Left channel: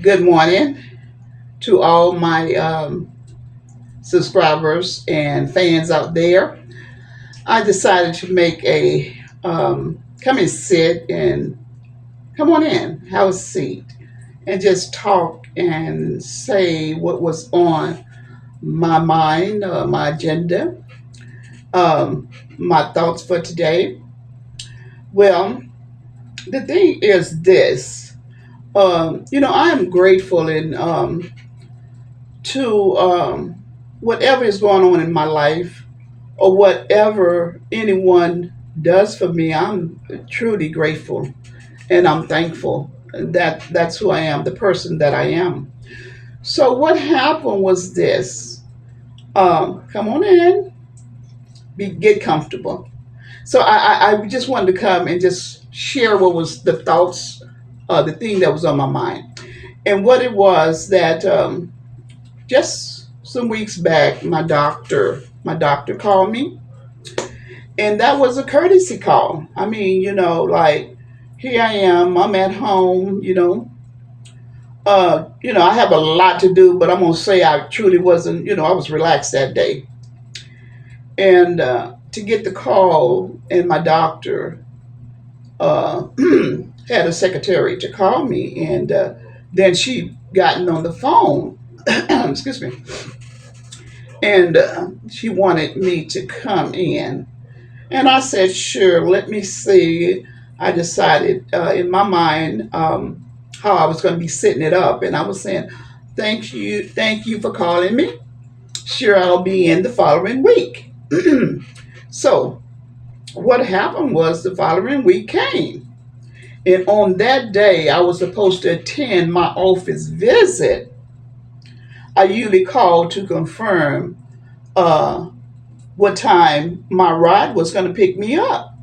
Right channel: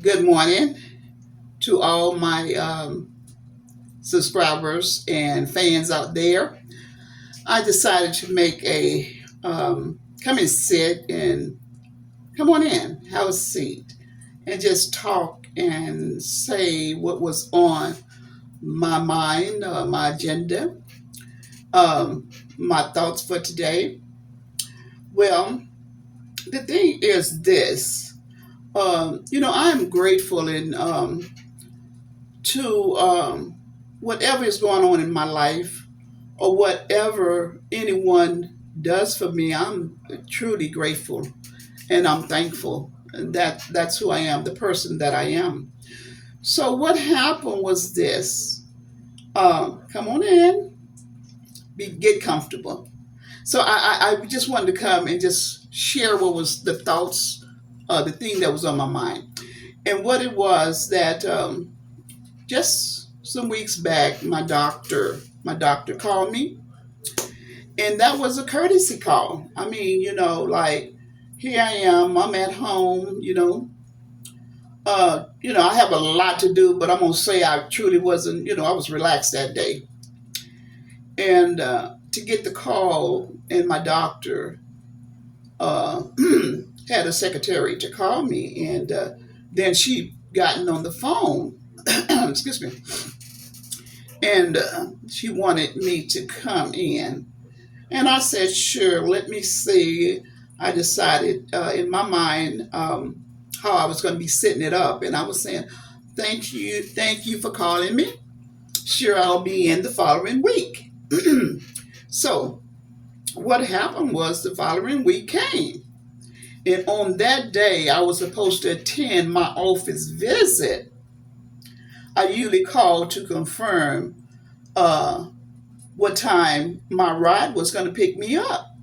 Good morning to all my subscribers and fans out there. I decided to make a come and sit and come on in, have a seat, and just talk and say what was on my mind, my agenda, um, my thoughts for today. Well, the thing is this. I am grateful and to whatever is going on in my life or whatever anyone does for me. I'm truly grateful and I'm thankful that that's who I am, the person that I am. So what happened was this. Come on in, get comfortable. So I just wanted to come and just share what was the thoughts, the thing that was on my mind, and what it was that just some weeks back, my doctor called me, and that was a courtesy call. I mean, like here I am, I'm at home, I have a lot to do, but I'm gonna say I truly wasn't, I was relaxed that day, and to get the call, and my doctor uh, had a secretary to call me, and then she gotten on the phone, excuse me, and she wanted me to come in. And I said, sure, let me see. I decided in my mind how I was going to be setting it up. And I was saying, thank you for calling me. Sure, I'll be in the following week. So, what happened was the following week came. And on that day, I was supposed to attend my office visit. I usually call to confirm uh, what time my ride was going to pick me up.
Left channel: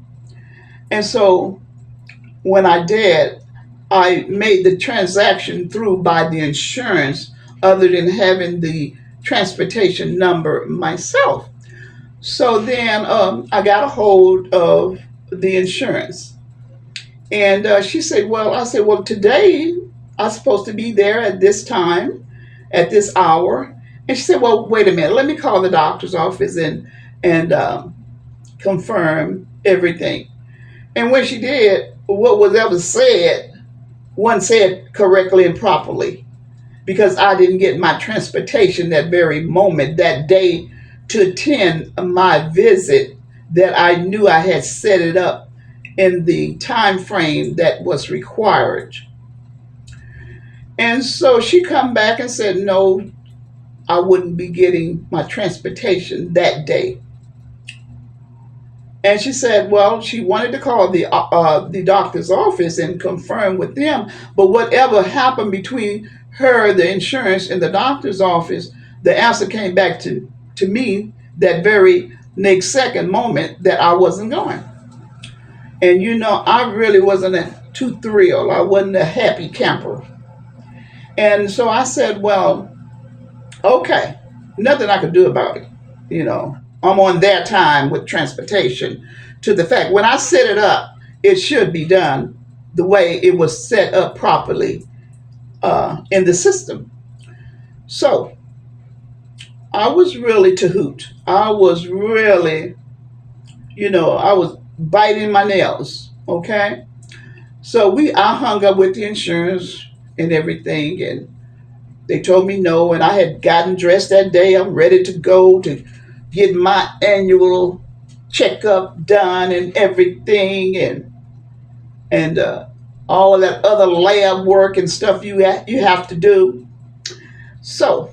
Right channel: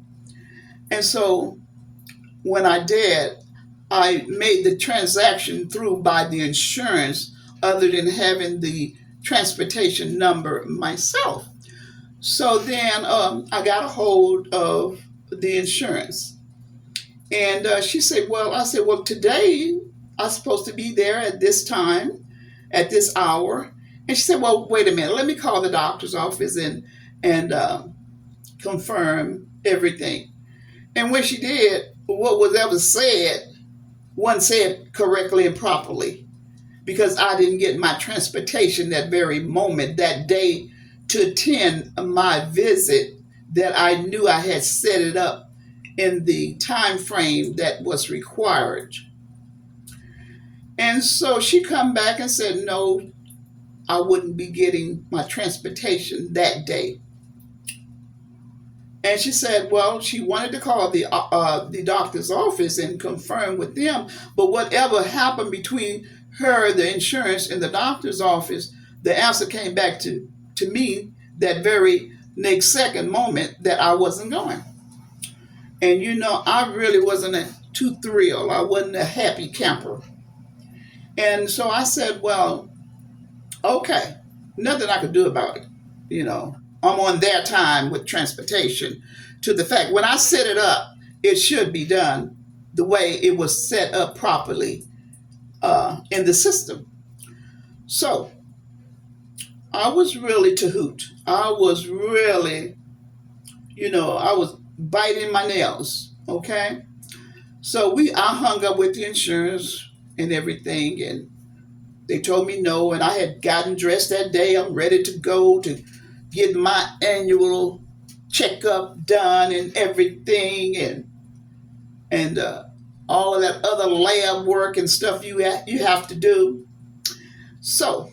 And so when I did, I made the transaction through by the insurance other than having the transportation number myself. So then I got a hold of the insurance. And she said, well, I said, well, today I'm supposed to be there at this time, at this hour. And she said, well, wait a minute, let me call the doctor's office and confirm everything. And when she did, what was ever said, one said correctly and properly because I didn't get my transportation that very moment, that day, to attend my visit that I knew I had set it up in the time frame that was required. And so she come back and said, no, I wouldn't be getting my transportation that day. And she said, well, she wanted to call the doctor's office and confirm with them. But whatever happened between her, the insurance, and the doctor's office, the answer came back to me that very next second moment that I wasn't going. And I really wasn't too thrilled. I wasn't a happy camper. And so I said, well, okay, nothing I could do about it. I'm on their time with transportation to the fact when I set it up, it should be done the way it was set up properly in the system. So I was really to hoot. I was really, I was biting my nails. Okay. So I hung up with the insurance and everything, and they told me no, and I had gotten dressed that day. I'm ready to go to get my annual checkup done and everything, and all that other lab work and stuff you have to do. So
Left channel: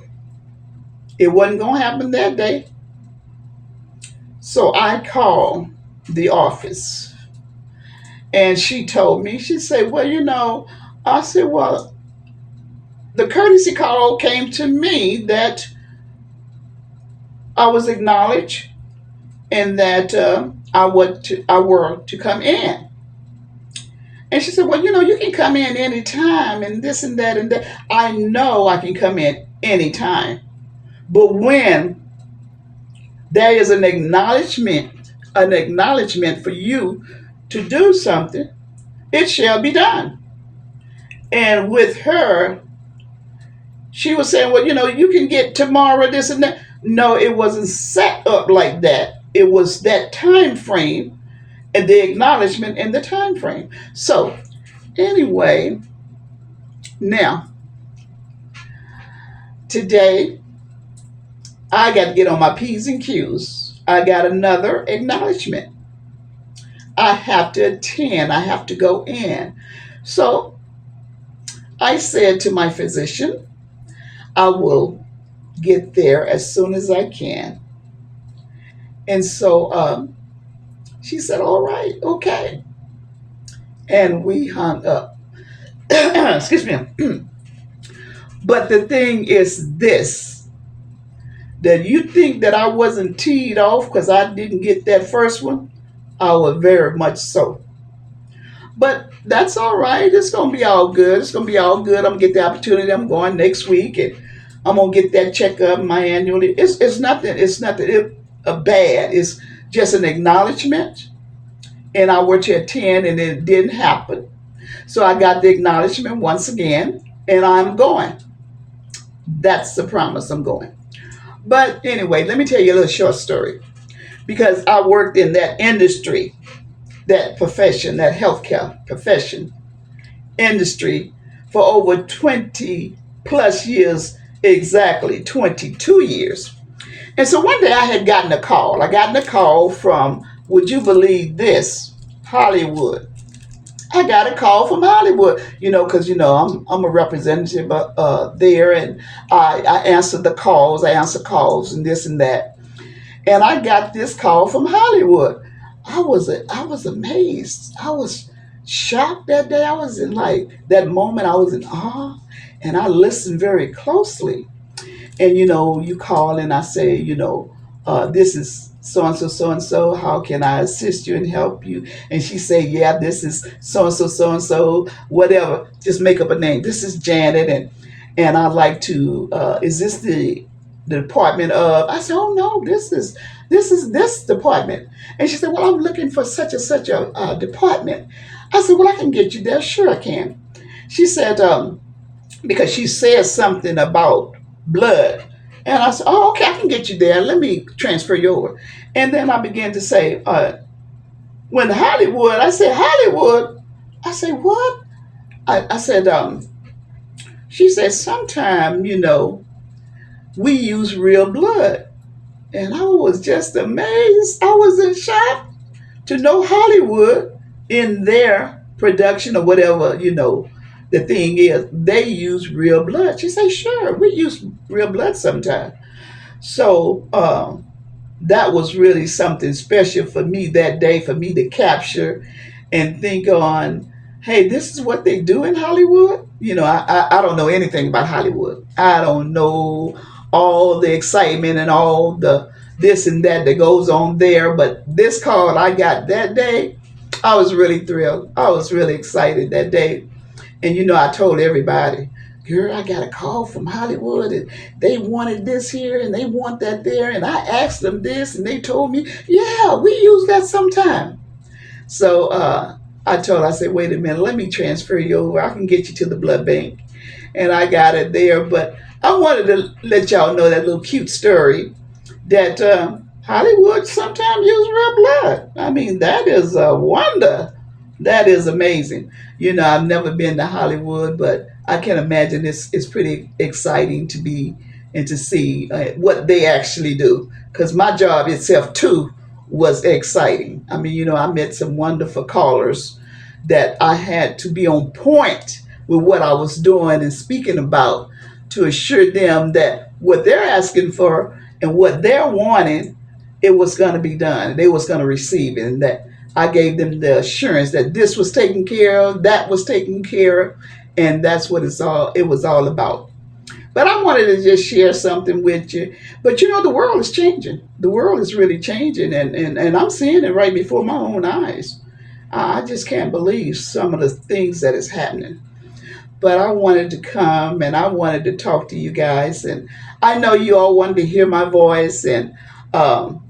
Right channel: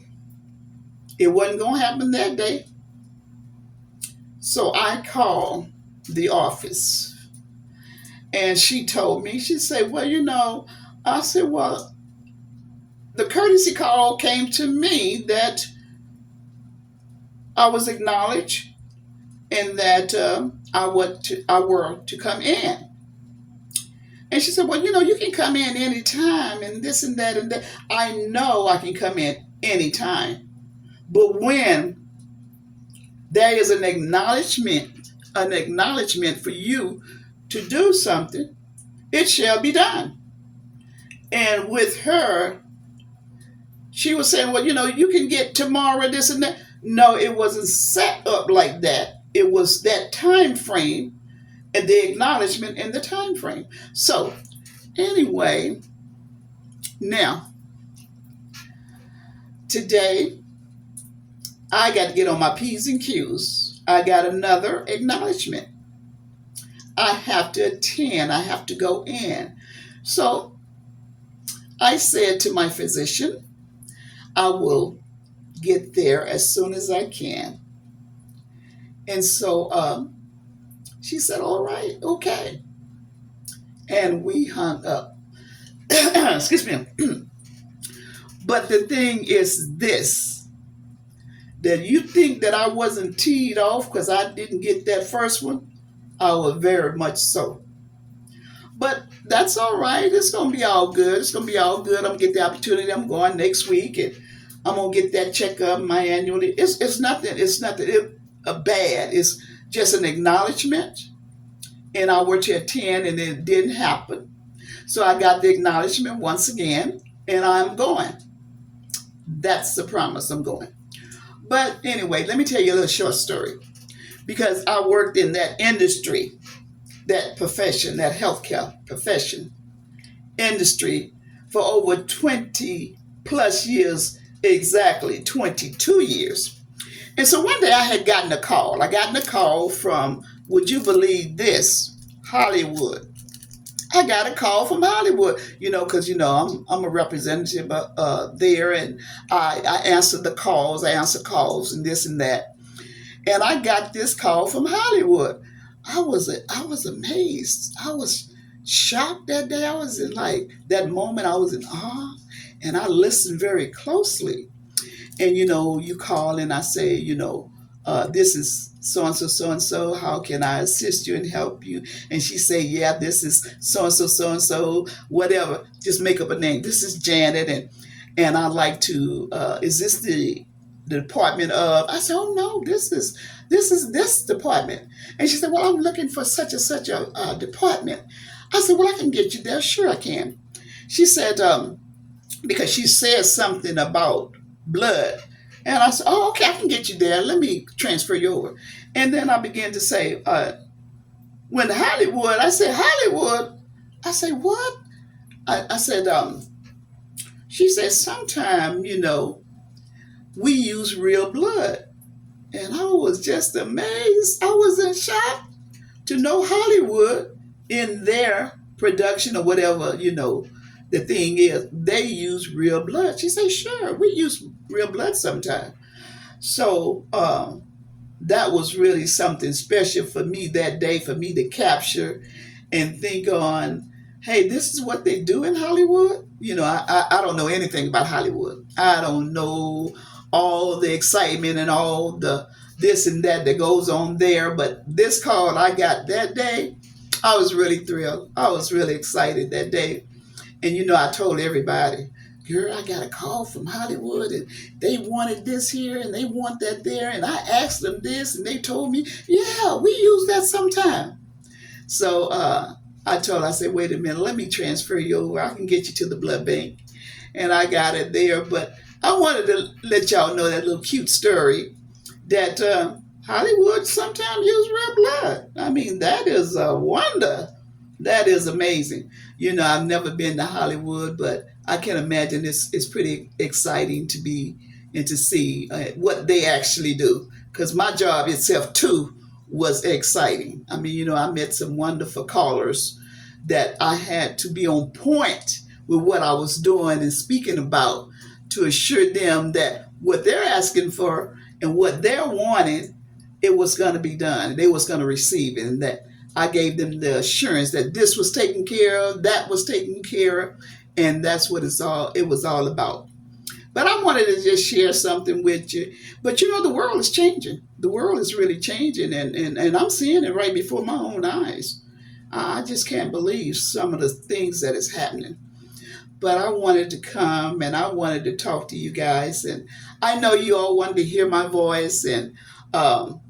it wasn't gonna happen that day. So I called the office, and she told me. She said, "Well, I said, well, the courtesy call came to me that I was acknowledged and that I were to come in." And she said, well, you can come in anytime and this and that and that. I know I can come in anytime. But when there is an acknowledgement for you to do something, it shall be done. And with her, She was saying, well, you can get tomorrow this and that. No, it wasn't set up like that. It was that time frame and the acknowledgement and the time frame. So anyway, now today I got to get on my P's and Q's. I got another acknowledgement. I have to attend. I have to go in. So I said to my physician, I will get there as soon as I can. And so she said, all right, okay. And we hung up. Excuse me. But the thing is this, that you think that I wasn't teed off because I didn't get that first one. I was very much so. But that's all right. It's gonna be all good. It's gonna be all good. I'm gonna get the opportunity. I'm going next week, and I'm gonna get that checkup, my annual. It's nothing. It's nothing bad. It's just an acknowledgement, and I were to attend, and it didn't happen. So I got the acknowledgement once again, and I'm going. That's the promise. I'm going. But anyway, let me tell you a little short story because I worked in that industry, that profession, that healthcare profession industry for over 20 plus years, exactly 22 years. And so one day I had gotten a call. I gotten a call from, would you believe this, Hollywood. I got a call from Hollywood, because I'm a representative there, and I answer the calls. I answer calls and this and that, and I got this call from Hollywood. I was amazed. I was shocked that day. I was in like that moment. I was in awe, and I listened very closely. And you call and I say, this is so and so, so and so. How can I assist you and help you? And she say, yeah, this is so and so, whatever. Just make up a name. This is Janet, and I like to. Is this the department of? I said, oh no, this is this department. And she said, well, I'm looking for such and such a department. I said, well, I can get you there. Sure, I can. She said, because she said something about blood. And I said, oh, okay, I can get you there. Let me transfer you over. And then I began to say, when Hollywood, I said, Hollywood. I said, what? I said, she said, sometime, we use real blood. And I was just amazed. I was in shock to know Hollywood in their production or whatever, the thing is, they use real blood. She said, sure, we use real blood sometimes. So that was really something special for me that day, for me to capture and think on, hey, this is what they do in Hollywood. I don't know anything about Hollywood. I don't know all the excitement and all the this and that that goes on there. But this call I got that day, I was really thrilled. I was really excited that day. And I told everybody, girl, I got a call from Hollywood and they wanted this here and they want that there. And I asked them this and they told me, yeah, we use that sometime. So I said, wait a minute, let me transfer you over. I can get you to the blood bank. And I got it there. But I wanted to let y'all know that little cute story that Hollywood sometimes use real blood. I mean, that is a wonder. That is amazing. I've never been to Hollywood, but I can imagine it's pretty exciting to be and to see what they actually do. Because my job itself, too, was exciting. I mean, I met some wonderful callers that I had to be on point with what I was doing and speaking about to assure them that what they're asking for and what they're wanting, it was going to be done. They was going to receive it, and that I gave them the assurance that this was taken care of, that was taken care of, and that's what it was all about. But I wanted to just share something with you. But the world is changing. The world is really changing, and I'm seeing it right before my own eyes. I just can't believe some of the things that is happening. But I wanted to come and I wanted to talk to you guys, and I know you all wanted to hear my voice, um,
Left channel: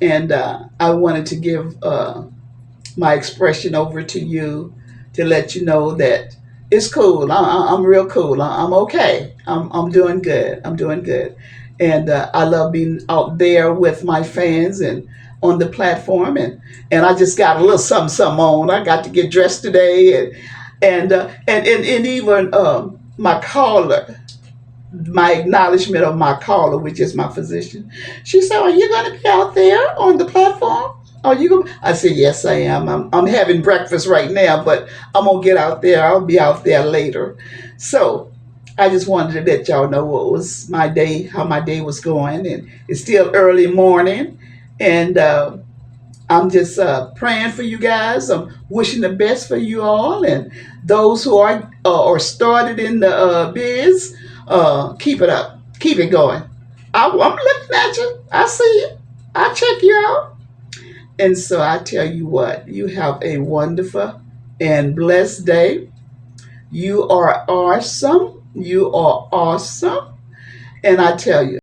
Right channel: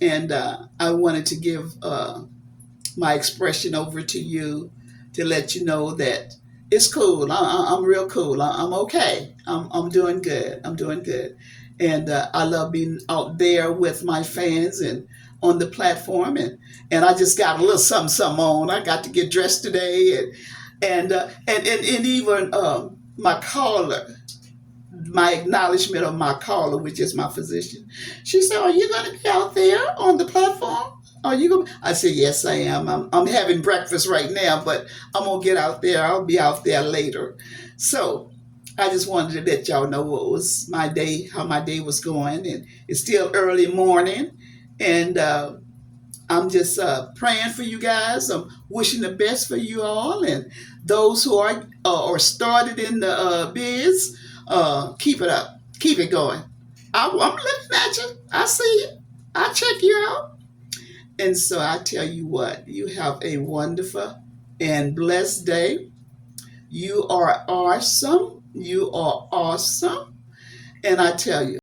and I wanted to give my expression over to you to let you know that It's cool. I'm real cool. I'm okay. I'm doing good. I'm doing good. And I love being out there with my fans and on the platform. And I just got a little something, something on. I got to get dressed today. And even my caller, my acknowledgement of my caller, which is my physician. She said, "Are you going to be out there on the platform? Are you going?" I said, "Yes, I am. I'm having breakfast right now, but I'm gonna get out there. I'll be out there later." So I just wanted to let y'all know what was my day, how my day was going, and it's still early morning, and I'm just praying for you guys. I'm wishing the best for you all, and those who are started in the biz. Keep it up, keep it going. I'm looking at you. I see you. I check you out. And so I tell you what, you have a wonderful and blessed day. You are awesome. You are awesome. And I tell you.